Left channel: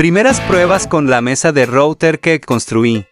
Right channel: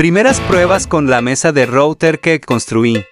Primeras pruebas con la mesa de router que construí.